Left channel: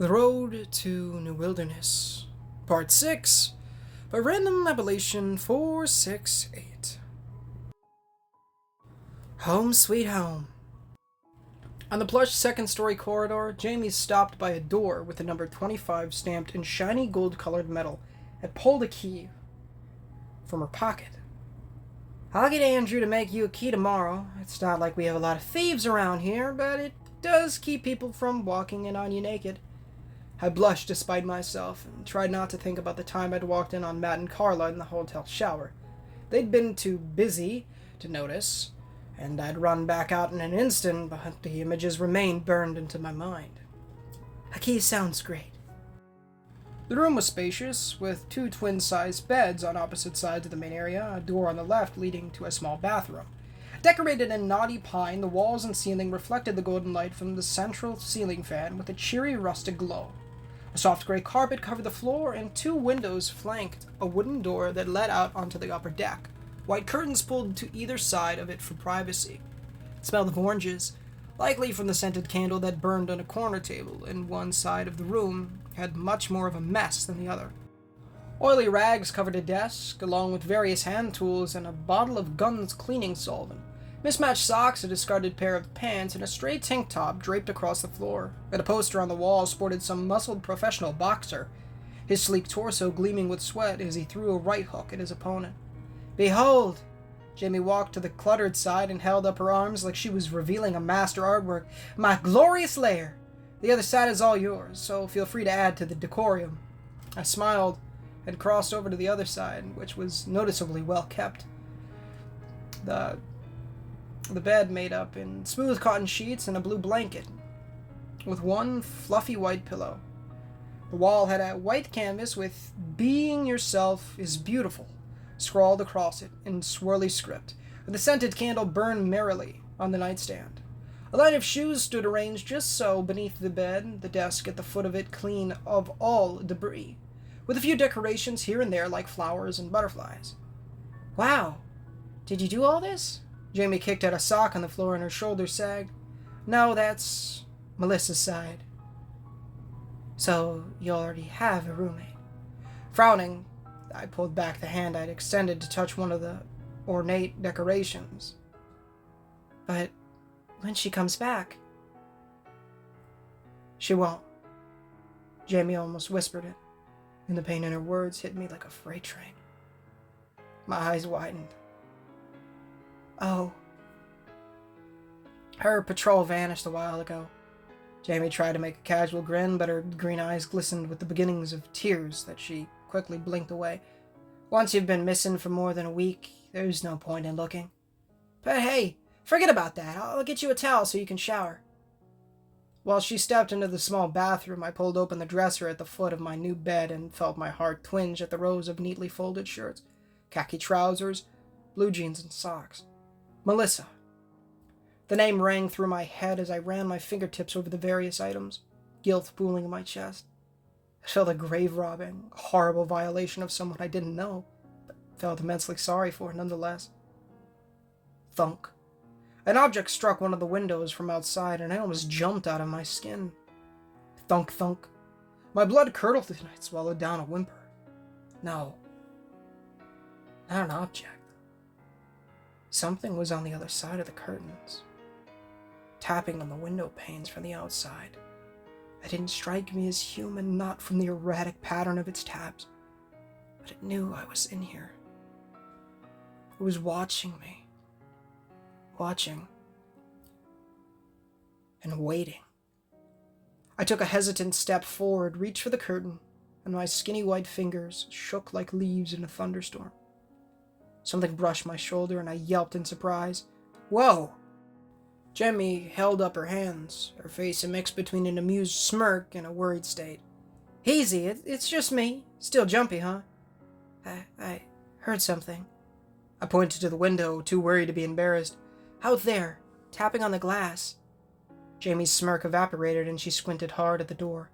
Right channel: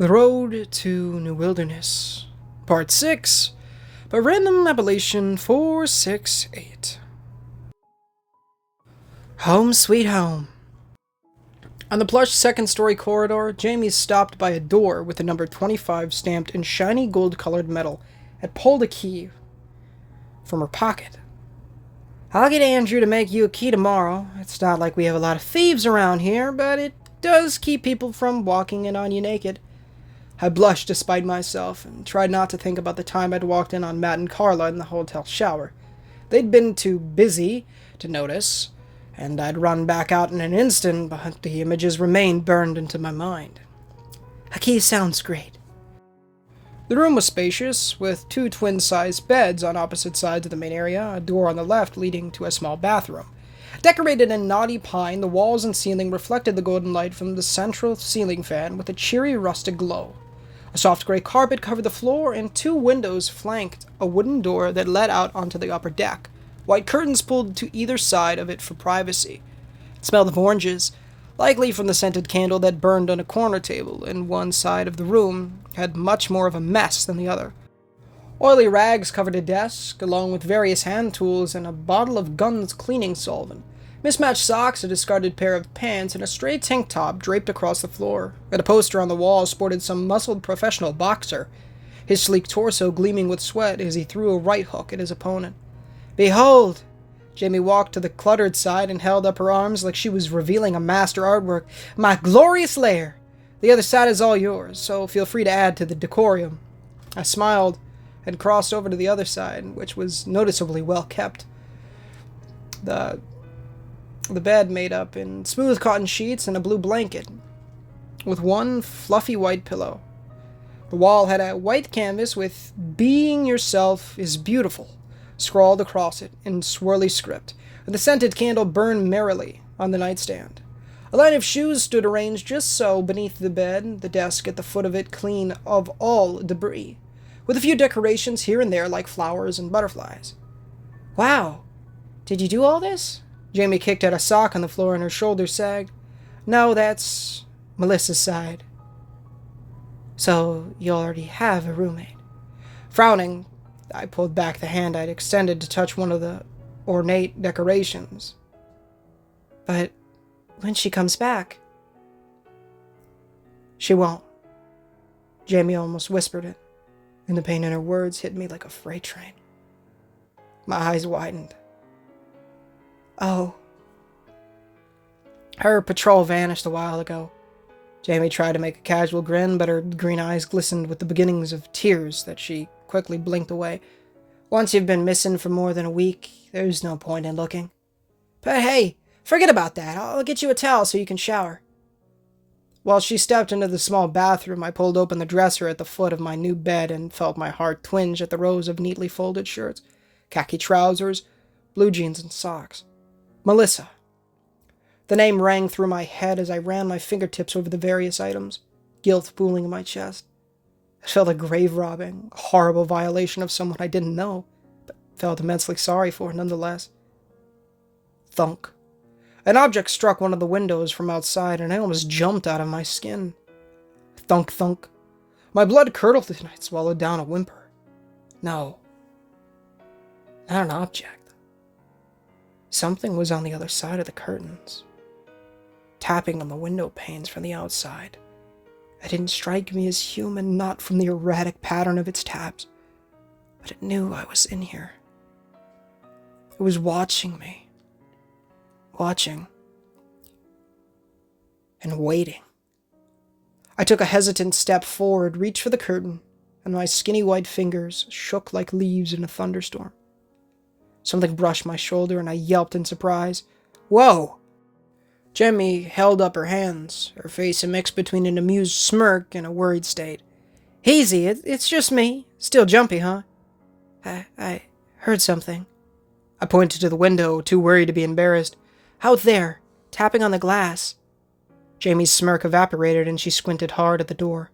The Road to New Wilderness, Part 6, by Random Appellation 468. Home sweet home. On the plush second-story corridor, Jamie stopped by a door with the number 25 stamped in shiny gold-colored metal and pulled a key from her pocket. "I'll get Andrew to make you a key tomorrow. It's not like we have a lot of thieves around here, but it does keep people from walking in on you naked." I blushed despite myself and tried not to think about the time I'd walked in on Matt and Carla in the hotel shower. They'd been too busy to notice, and I'd run back out in an instant, but the images remained burned into my mind. "A key sounds great." The room was spacious, with two twin-sized beds on opposite sides of the main area, a door on the left leading to a small bathroom. Decorated in knotty pine, the walls and ceiling reflected the golden light from the central ceiling fan with a cheery rustic glow. A soft gray carpet covered the floor, and two windows flanked a wooden door that led out onto the upper deck. White curtains pulled to either side of it for privacy. It smelled of oranges, likely from the scented candle that burned on a corner table, and one side of the room had much more of a mess than the other. Oily rags covered a desk, along with various hand tools and a bottle of Gunn's cleaning solvent. Mismatched socks, a discarded pair of pants, and a stray tank top draped across the floor, and a poster on the wall sported some muscled professional boxer, his sleek torso gleaming with sweat as he threw a right hook at his opponent. "Behold!" Jamie walked to the cluttered side and held up her arms like she was revealing a master artwork. "My glorious lair! The other side is all yours, so feel free to add to the decorum." I smiled and crossed over to the other side, which was noticeably well kept. The bed made up in smooth cotton sheets and a blue blanket, with one fluffy white pillow. The wall had a white canvas with "Being Yourself is Beautiful" scrawled across it in swirly script, and the scented candle burned merrily on the nightstand. A line of shoes stood arranged just so beneath the bed, the desk at the foot of it clean of all debris, with a few decorations here and there like flowers and butterflies. "Wow, did you do all this?" Jamie kicked at a sock on the floor and her shoulders sagged. "No, that's Melissa's side." "So you already have a roommate." Frowning, I pulled back the hand I'd extended to touch one of the ornate decorations. "But when she comes back..." "She won't." Jamie almost whispered it, and the pain in her words hit me like a freight train. My eyes widened. "Oh." Her patrol vanished a while ago. Jamie tried to make a casual grin, but her green eyes glistened with the beginnings of tears that she quickly blinked away. "Once you've been missing for more than a week, there's no point in looking. But hey, forget about that. I'll get you a towel so you can shower." While she stepped into the small bathroom, I pulled open the dresser at the foot of my new bed and felt my heart twinge at the rows of neatly folded shirts, khaki trousers, blue jeans, and socks. Melissa. The name rang through my head as I ran my fingertips over the various items, guilt pooling in my chest. I felt a grave-robbing, horrible violation of someone I didn't know, but felt immensely sorry for nonetheless. Thunk. An object struck one of the windows from outside, and I almost jumped out of my skin. Thunk, thunk. My blood curdled and I swallowed down a whimper. No. Not an object. Something was on the other side of the curtains, tapping on the window panes from the outside. It didn't strike me as human, not from the erratic pattern of its taps, but it knew I was in here. It was watching me. Watching. And waiting. I took a hesitant step forward, reached for the curtain, and my skinny white fingers shook like leaves in a thunderstorm. Something brushed my shoulder, and I yelped in surprise. "Whoa!" Jamie held up her hands, her face a mix between an amused smirk and a worried state. "Easy, it's just me. Still jumpy, huh?" I heard something." I pointed to the window, too worried to be embarrassed. "Out there, tapping on the glass." Jamie's smirk evaporated, and she squinted hard at the door.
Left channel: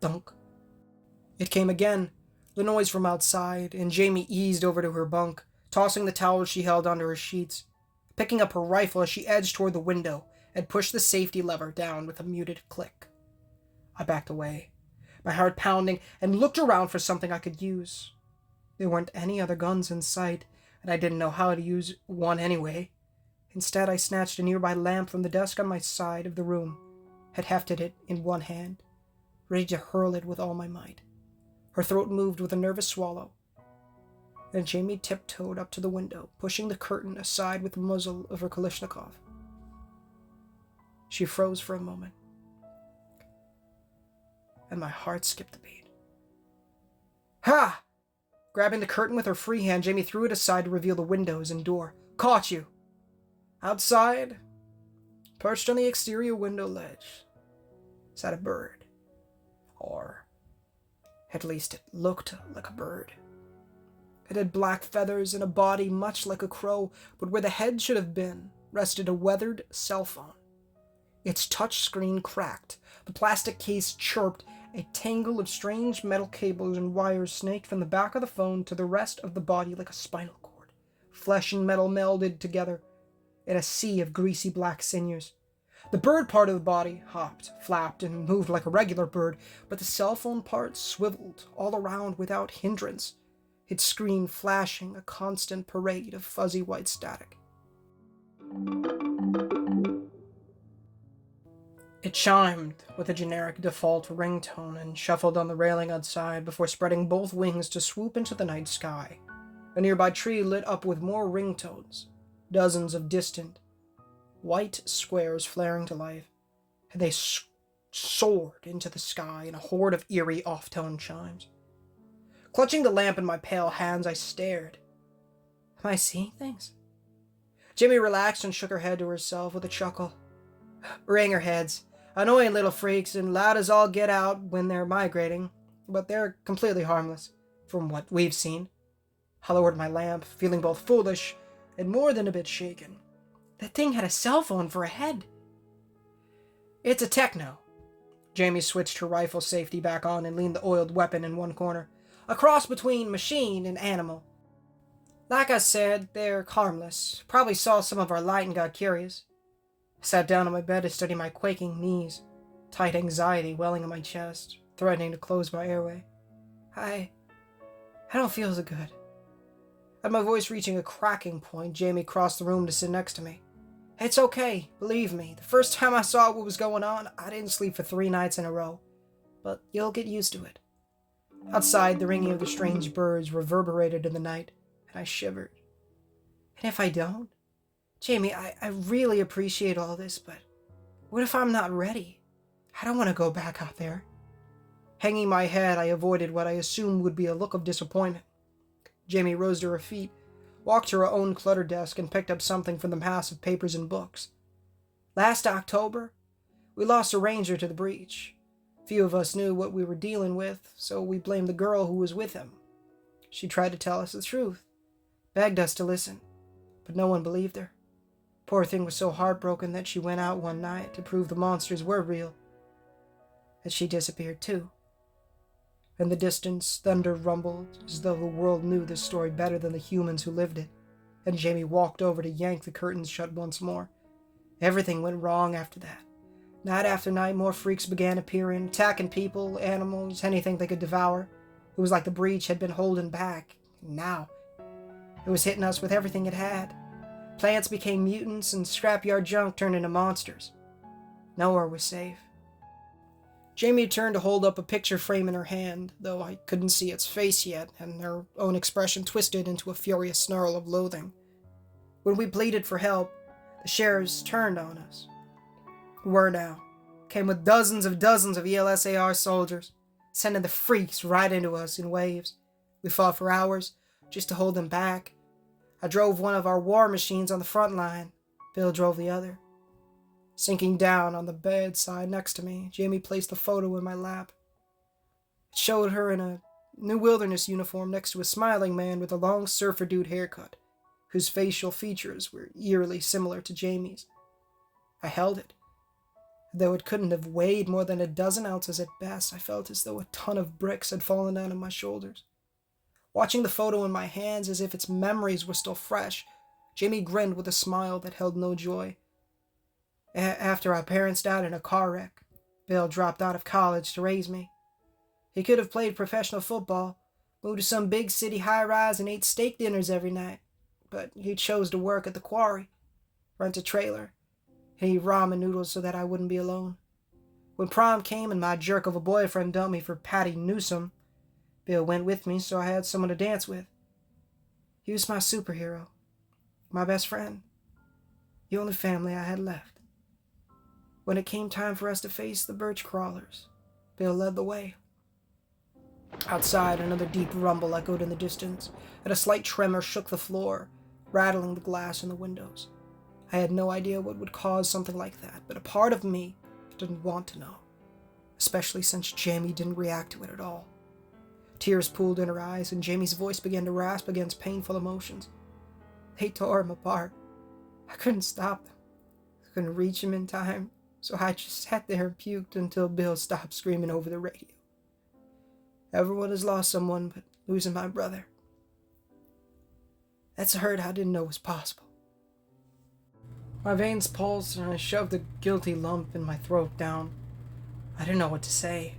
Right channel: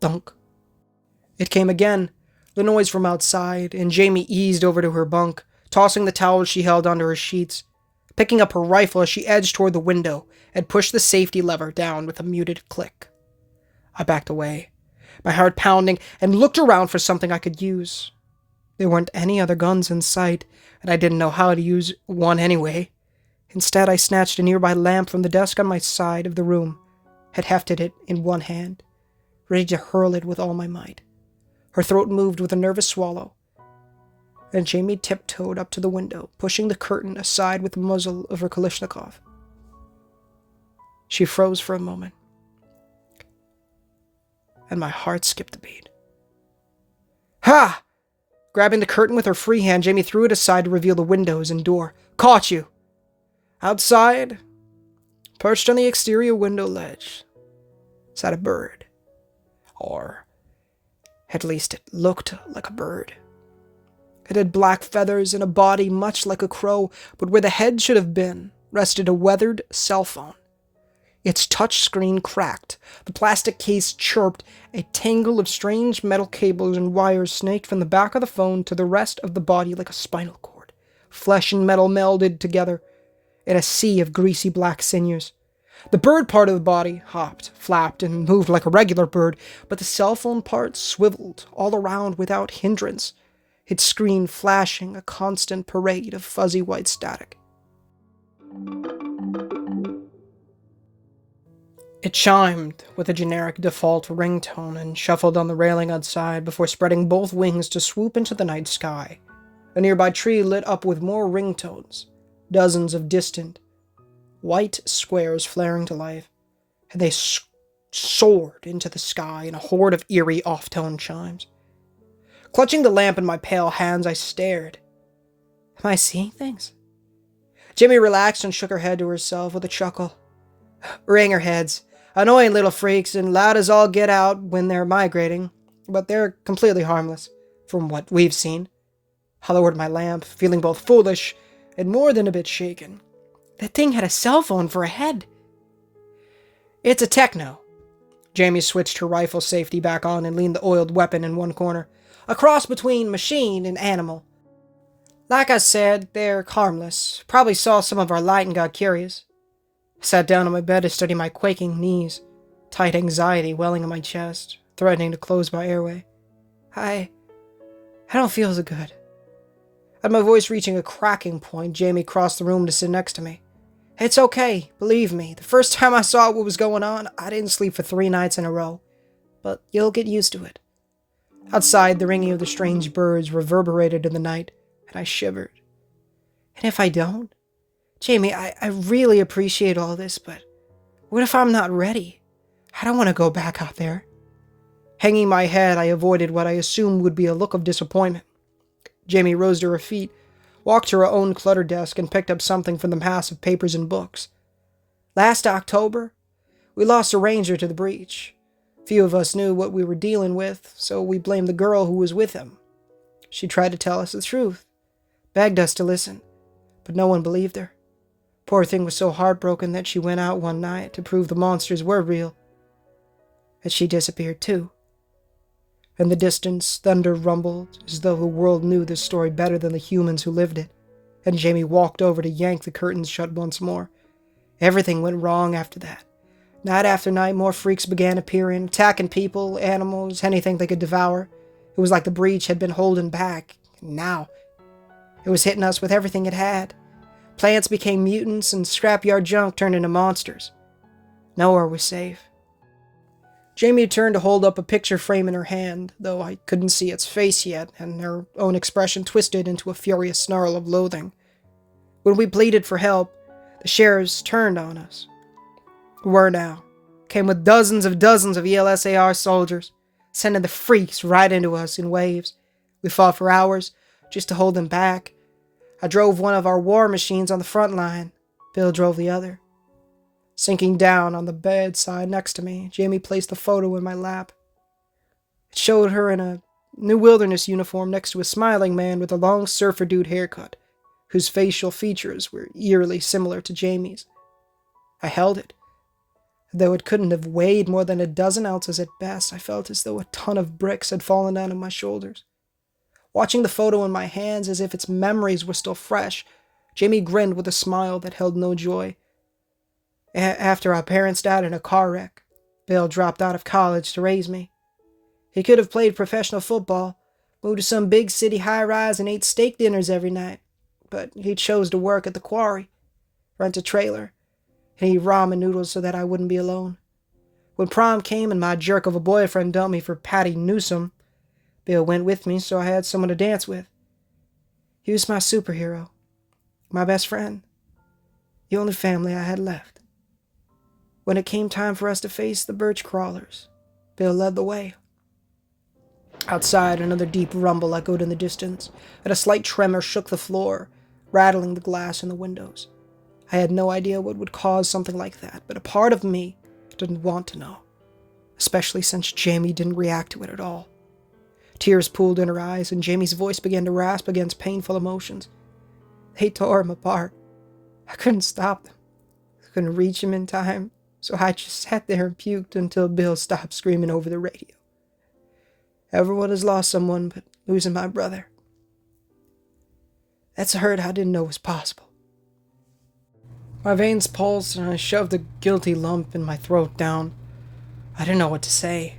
Thunk. It came again, the noise from outside, and Jamie eased over to her bunk, tossing the towel she held onto her sheets. Picking up her rifle as she edged toward the window and pushed the safety lever down with a muted click. I backed away, my heart pounding, and looked around for something I could use. There weren't any other guns in sight, and I didn't know how to use one anyway. Instead, I snatched a nearby lamp from the desk on my side of the room, had hefted it in one hand, ready to hurl it with all my might. Her throat moved with a nervous swallow, and Jamie tiptoed up to the window, pushing the curtain aside with the muzzle of her Kalashnikov. She froze for a moment, and my heart skipped a beat. Ha! Grabbing the curtain with her free hand, Jamie threw it aside to reveal the windows and door. Caught you! Outside, perched on the exterior window ledge, sat a bird. Or, at least it looked like a bird. It had black feathers and a body much like a crow, but where the head should have been rested a weathered cell phone. Its touch screen cracked, the plastic case chirped, a tangle of strange metal cables and wires snaked from the back of the phone to the rest of the body like a spinal cord. Flesh and metal melded together in a sea of greasy black sinews. The bird part of the body hopped, flapped, and moved like a regular bird, but the cell phone part swiveled all around without hindrance, its screen flashing a constant parade of fuzzy white static. It chimed with a generic default ringtone and shuffled on the railing outside before spreading both wings to swoop into the night sky. A nearby tree lit up with more ringtones, dozens of distant, white squares flaring to life, and they soared into the sky in a horde of eerie off-tone chimes. Clutching the lamp in my pale hands, I stared. Am I seeing things? Jimmy relaxed and shook her head to herself with a chuckle. Ringer heads. Annoying little freaks and loud as all get out when they're migrating, but they're completely harmless, from what we've seen. I lowered my lamp, feeling both foolish and more than a bit shaken. That thing had a cell phone for a head. It's a techno. Jamie switched her rifle safety back on and leaned the oiled weapon in one corner. A cross between machine and animal. Like I said, they're harmless. Probably saw some of our light and got curious. I sat down on my bed to steady my quaking knees, tight anxiety welling in my chest, threatening to close my airway. I don't feel so good. At my voice reaching a cracking point, Jamie crossed the room to sit next to me. It's okay, believe me. The first time I saw what was going on, I didn't sleep for 3 nights in a row. But you'll get used to it. Outside, the ringing of the strange birds reverberated in the night, and I shivered. And if I don't? Jamie, I really appreciate all this, but what if I'm not ready? I don't want to go back out there. Hanging my head, I avoided what I assumed would be a look of disappointment. Jamie rose to her feet, walked to her own cluttered desk, and picked up something from the mass of papers and books. Last October, we lost a ranger to the breach. Few of us knew what we were dealing with, so we blamed the girl who was with him. She tried to tell us the truth, begged us to listen, but no one believed her. Poor thing was so heartbroken that she went out one night to prove the monsters were real. And she disappeared too. In the distance, thunder rumbled, as though the world knew this story better than the humans who lived it, and Jamie walked over to yank the curtains shut once more. Everything went wrong after that. Night after night, more freaks began appearing, attacking people, animals, anything they could devour. It was like the breach had been holding back, and now it was hitting us with everything it had. Plants became mutants, and scrapyard junk turned into monsters. Nowhere was safe. Jamie turned to hold up a picture frame in her hand, though I couldn't see its face yet, and her own expression twisted into a furious snarl of loathing. When we pleaded for help, the sheriffs turned on us. Were now came with dozens of ELSAR soldiers, sending the freaks right into us in waves. We fought for hours, just to hold them back. I drove one of our war machines on the front line. Bill drove the other. Sinking down on the bedside next to me, Jamie placed the photo in my lap. It showed her in a New Wilderness uniform next to a smiling man with a long surfer dude haircut, whose facial features were eerily similar to Jamie's. I held it. Though it couldn't have weighed more than a dozen ounces at best, I felt as though a ton of bricks had fallen down on my shoulders. Watching the photo in my hands as if its memories were still fresh, Jamie grinned with a smile that held no joy. After our parents died in a car wreck, Bill dropped out of college to raise me. He could have played professional football, moved to some big city high-rise and ate steak dinners every night, but he chose to work at the quarry, rent a trailer, and eat ramen noodles so that I wouldn't be alone. When prom came and my jerk of a boyfriend dumped me for Patty Newsome, Bill went with me so I had someone to dance with. He was my superhero, my best friend, the only family I had left. When it came time for us to face the birch crawlers, Bill led the way. Outside, another deep rumble echoed in the distance, and a slight tremor shook the floor, rattling the glass in the windows. I had no idea what would cause something like that, but a part of me didn't want to know, especially since Jamie didn't react to it at all. Tears pooled in her eyes, and Jamie's voice began to rasp against painful emotions. They tore him apart. I couldn't stop them. I couldn't reach him in time, so I just sat there and puked until Bill stopped screaming over the radio. Everyone has lost someone, but losing my brother, that's a hurt I didn't know was possible. My veins pulsed, and I shoved a guilty lump in my throat down. I didn't know what to say.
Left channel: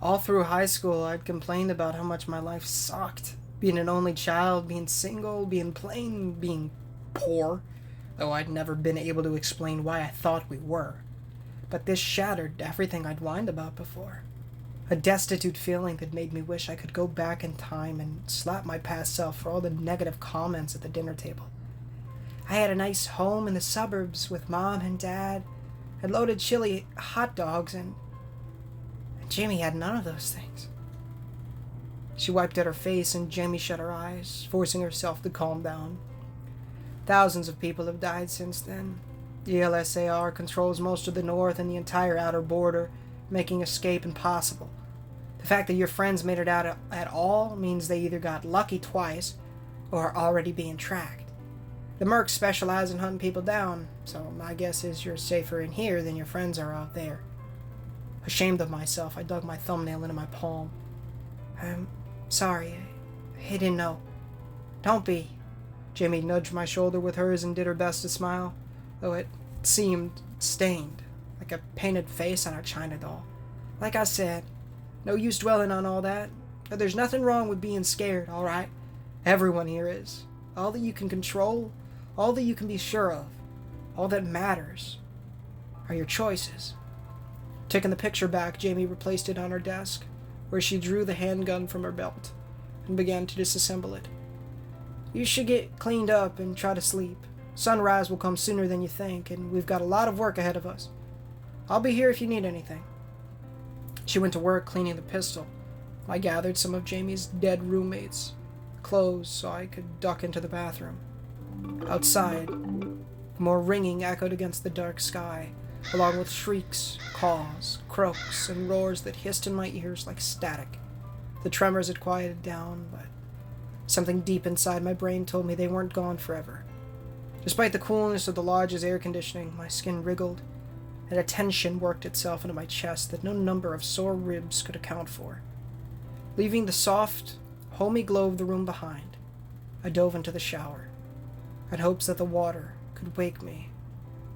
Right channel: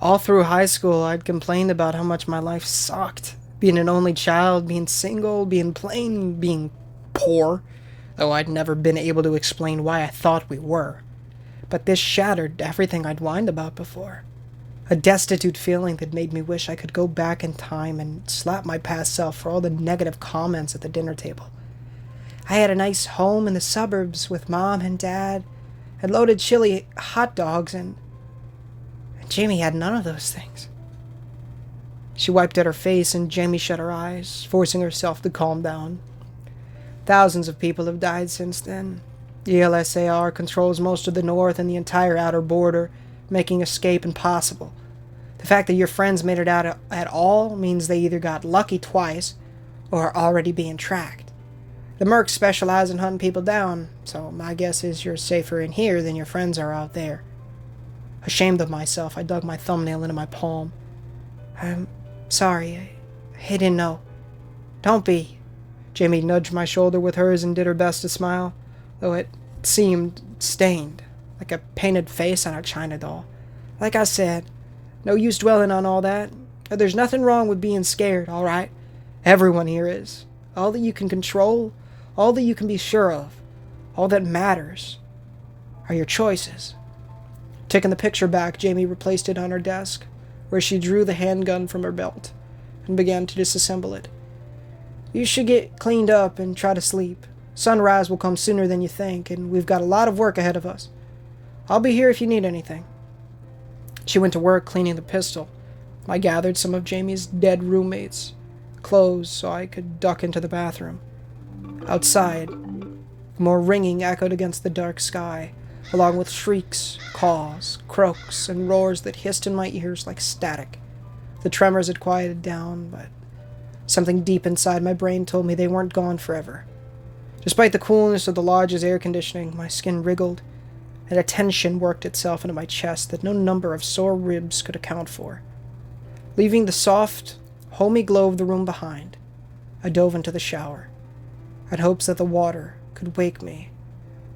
All through high school, I'd complained about how much my life sucked. Being an only child, being single, being plain, being poor, though I'd never been able to explain why I thought we were. But this shattered everything I'd whined about before. A destitute feeling that made me wish I could go back in time and slap my past self for all the negative comments at the dinner table. I had a nice home in the suburbs with Mom and Dad, and loaded chili hot dogs, and Jamie had none of those things. She wiped at her face, and Jamie shut her eyes, forcing herself to calm down. Thousands of people have died since then. The LSAR controls most of the north and the entire outer border, making escape impossible. The fact that your friends made it out at all means they either got lucky twice or are already being tracked. The mercs specialize in hunting people down, so my guess is you're safer in here than your friends are out there. Ashamed of myself, I dug my thumbnail into my palm. I'm sorry. I didn't know. Don't be. Jamie nudged my shoulder with hers and did her best to smile, though it seemed stained, like a painted face on a china doll. Like I said, no use dwelling on all that. There's nothing wrong with being scared, all right? Everyone here is. All that you can control, all that you can be sure of, all that matters are your choices. Taking the picture back, Jamie replaced it on her desk, where she drew the handgun from her belt and began to disassemble it. You should get cleaned up and try to sleep. Sunrise will come sooner than you think, and we've got a lot of work ahead of us. I'll be here if you need anything. She went to work cleaning the pistol. I gathered some of Jamie's dead roommates' clothes so I could duck into the bathroom. Outside, more ringing echoed against the dark sky, along with shrieks, caws, croaks, and roars that hissed in my ears like static. The tremors had quieted down, but something deep inside my brain told me they weren't gone forever. Despite the coolness of the lodge's air conditioning, my skin wriggled, and a tension worked itself into my chest that no number of sore ribs could account for. Leaving the soft, homey glow of the room behind, I dove into the shower, in hopes that the water could wake me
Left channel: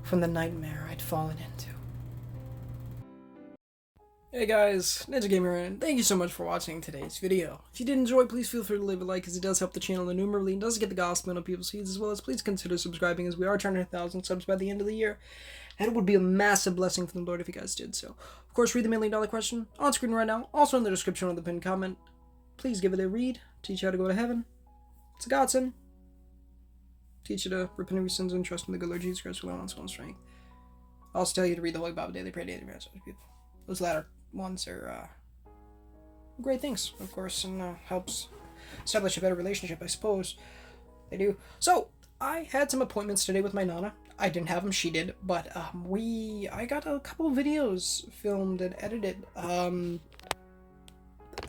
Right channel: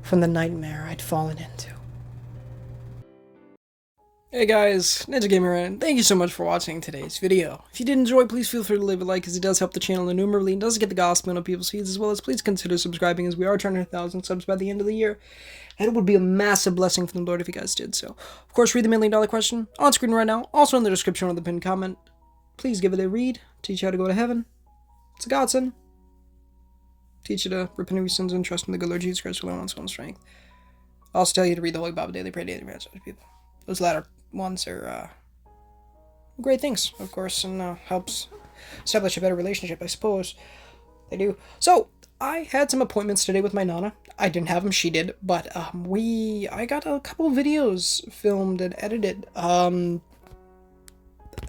from the nightmare I'd fallen into. Hey guys, Ninja Gamer, and thank you so much for watching today's video. If you did enjoy, please feel free to leave a like, as it does help the channel innumerably and does get the gospel into people's feeds, as well as please consider subscribing, as we are turning 1,000 subs by the end of the year, and it would be a massive blessing from the Lord if you guys did so. Of course, read the $1 million question on screen right now, also in the description or the pinned comment. Please give it a read, teach you how to go to heaven. It's a godsend. Teach you to repent of your sins and trust in the good Lord Jesus Christ who alone has own strength. I'll also tell you to read the Holy Bible daily, pray daily, pray to people. Those latter ones are great things, of course, and helps establish a better relationship, I suppose. They do. So, I had some appointments today with my Nana. I didn't have them, she did, but I got a couple videos filmed and edited.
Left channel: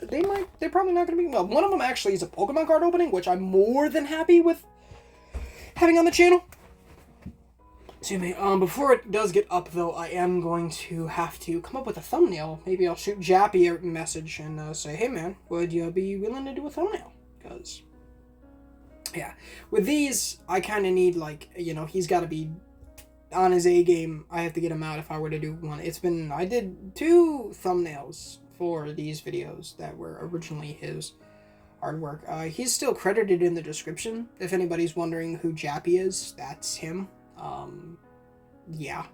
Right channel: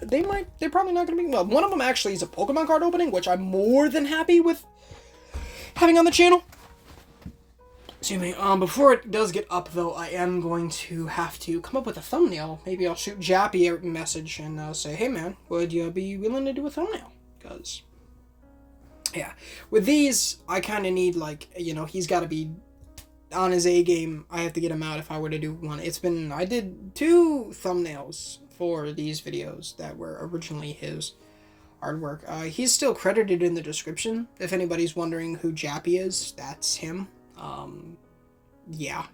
They're probably not gonna be, well, one of them actually is a Pokemon card opening, which I'm more than happy with having on the channel. Excuse me. Before it does get up, though, I am going to have to come up with a thumbnail. Maybe I'll shoot Jappy a message and say, hey, man, would you be willing to do a thumbnail? Because, yeah. With these, I kind of need, like, you know, he's got to be on his A game. I have to get him out if I were to do one. I did 2 thumbnails for these videos that were originally his artwork. He's still credited in the description. If anybody's wondering who Jappy is, that's him. Yeah.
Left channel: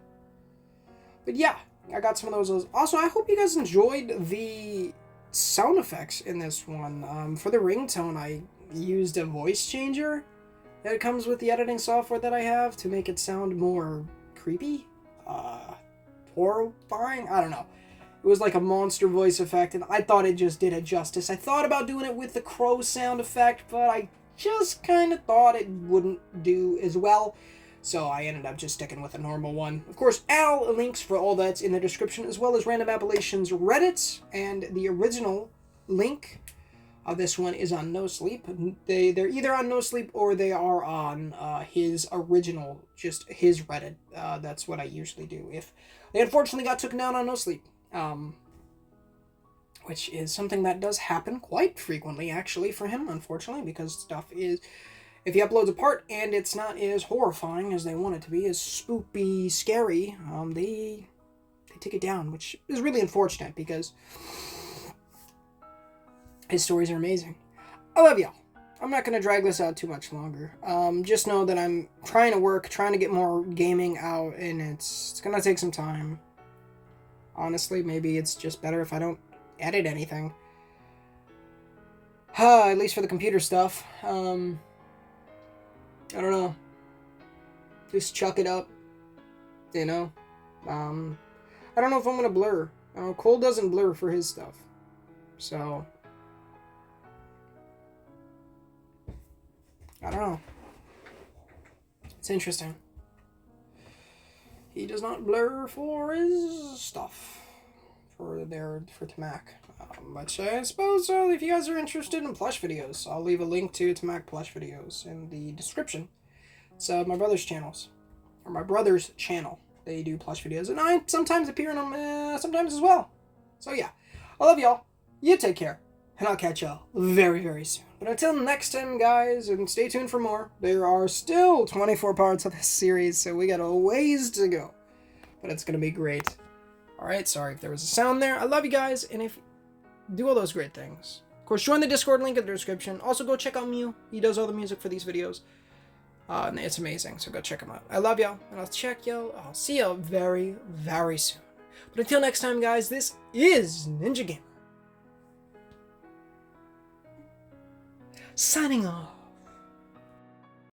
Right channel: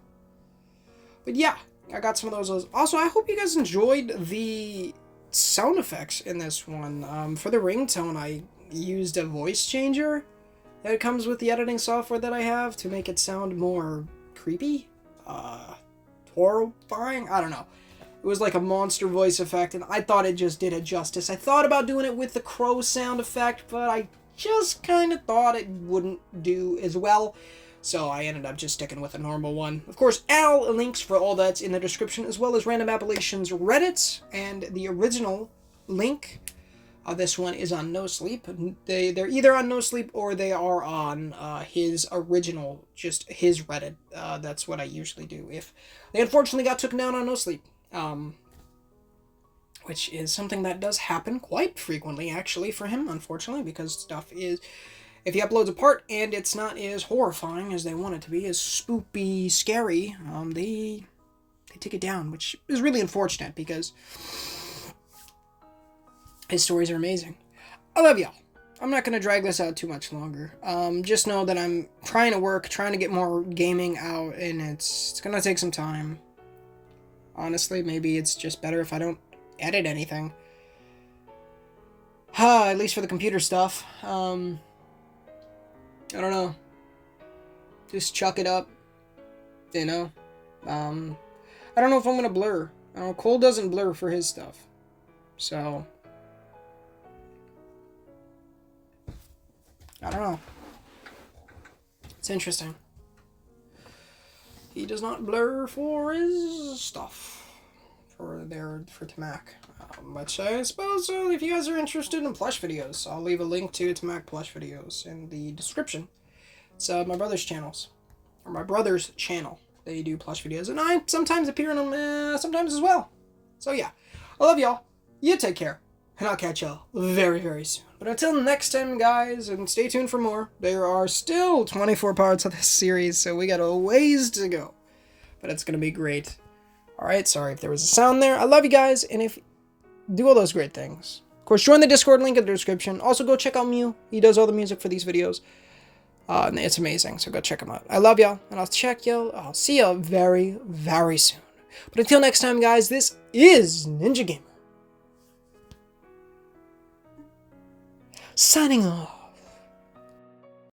But yeah, I got some of those. Also, I hope you guys enjoyed the sound effects in this one. For the ringtone, I used a voice changer that comes with the editing software that I have to make it sound more creepy, horrifying. I don't know. It was like a monster voice effect, and I thought it just did it justice. I thought about doing it with the crow sound effect, but I just kind of thought it wouldn't do as well, so I ended up just sticking with a normal one. Of course, all links for all that's in the description, as well as Random Appellations Reddit, and the original link of this one is on No Sleep. They're either on No Sleep or they are on his original, just his Reddit. That's what I usually do. If they unfortunately got taken down on No Sleep. Which is something that does happen quite frequently, actually, for him, unfortunately, because stuff is, if he uploads a part and it's not as horrifying as they want it to be, as spoopy, scary, they take it down, which is really unfortunate, because his stories are amazing. I love y'all. I'm not going to drag this out too much longer. Just know that I'm trying to get more gaming out, and it's going to take some time. Honestly, maybe it's just better if I don't edit anything. At least for the computer stuff. I don't know. Just chuck it up. You know? I don't know if I'm gonna blur. I don't know, Cole doesn't blur for his stuff. So I don't know. It's interesting. He does not blur for his stuff. For Tamak. Which I suppose if you guys are interested in plush videos, I'll leave a link to Tamak plush videos in the description. It's my brother's channels. Or my brother's channel. They do plush videos. And I sometimes appear in them sometimes as well. So yeah. I love y'all. You take care. And I'll catch y'all very, very soon. But until next time, guys, and stay tuned for more. There are still 24 parts of this series, so we got a ways to go. But it's going to be great. Alright, sorry if there was a sound there. I love you guys, and if do all those great things. Of course, join the Discord link in the description. Also, go check out Mew. He does all the music for these videos. And it's amazing, so go check him out. I love y'all, and I'll see y'all very, very soon. But until next time, guys, this is Ninja Gamer. Signing off.